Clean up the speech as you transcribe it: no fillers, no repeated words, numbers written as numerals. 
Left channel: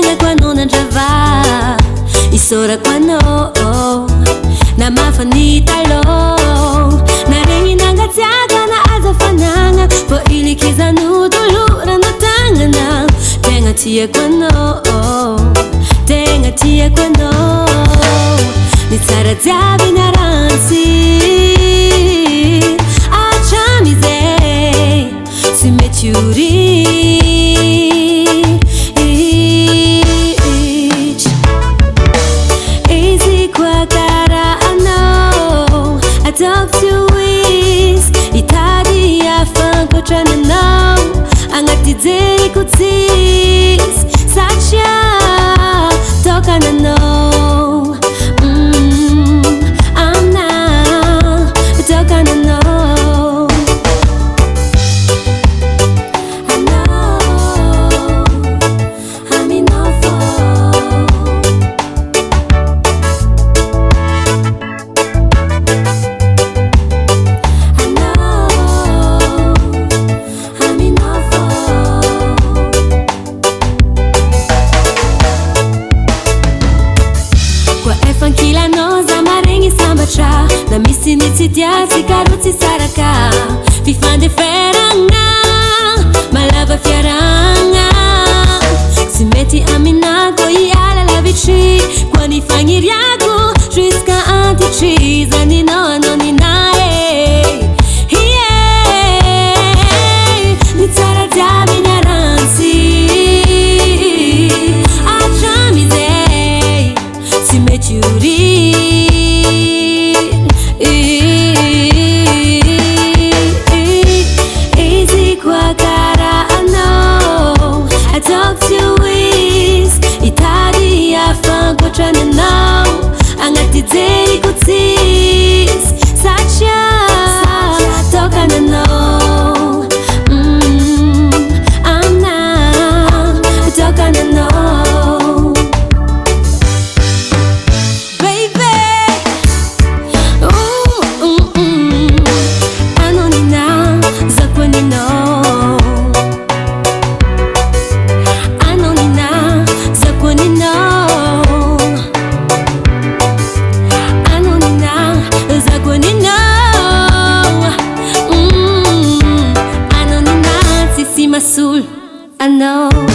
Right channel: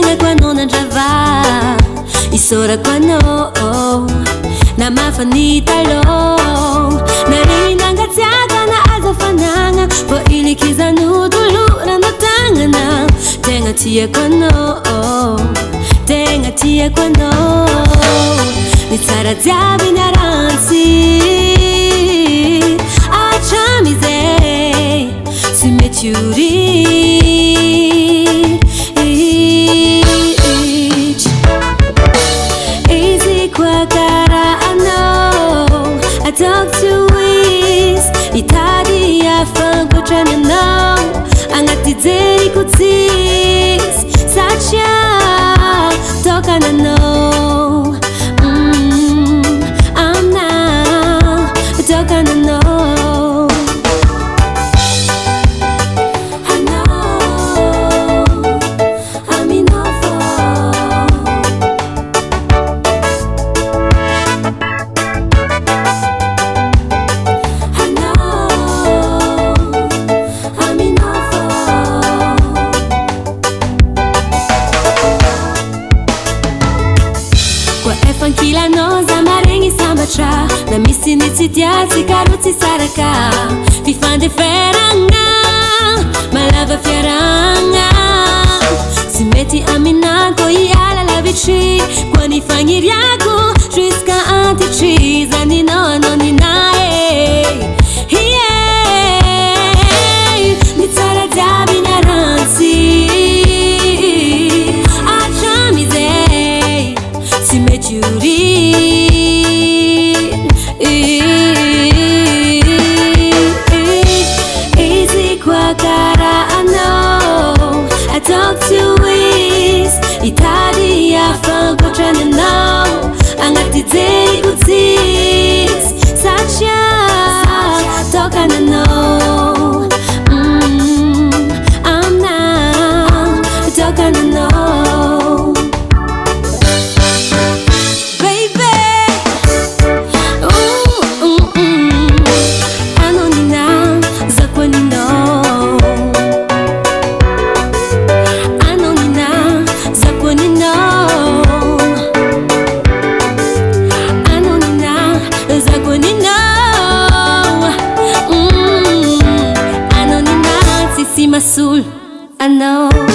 Nanga kwano nandrava isora kwano na mafanitalo naringi nangatsiaga na azafananga po ilikiza nudulura na tangana tenga tia kwano tenga tia kwano nitsara dziabi naransi achamize simetyuri Tokana anao I talk to is itadi ya fankotrana anao agnaty jery kotsis satria tokana anao aminao tokana anao Fankila noza maregny sambatra na misy nitsitia tsikaro tsisaraka fifandeferagna malava fiaragna tsy mety aminako hiala lavitry koa ny fagniriako jusqu'à antitry zaninao anao ninae ny tsara jiaby niarantsy atramizay tsy mety easy kwa kara anao I talk to is itadi ya fankotrana anao agnaty jery kotsis satria tokana anao aminao tokana anao Masul, I know.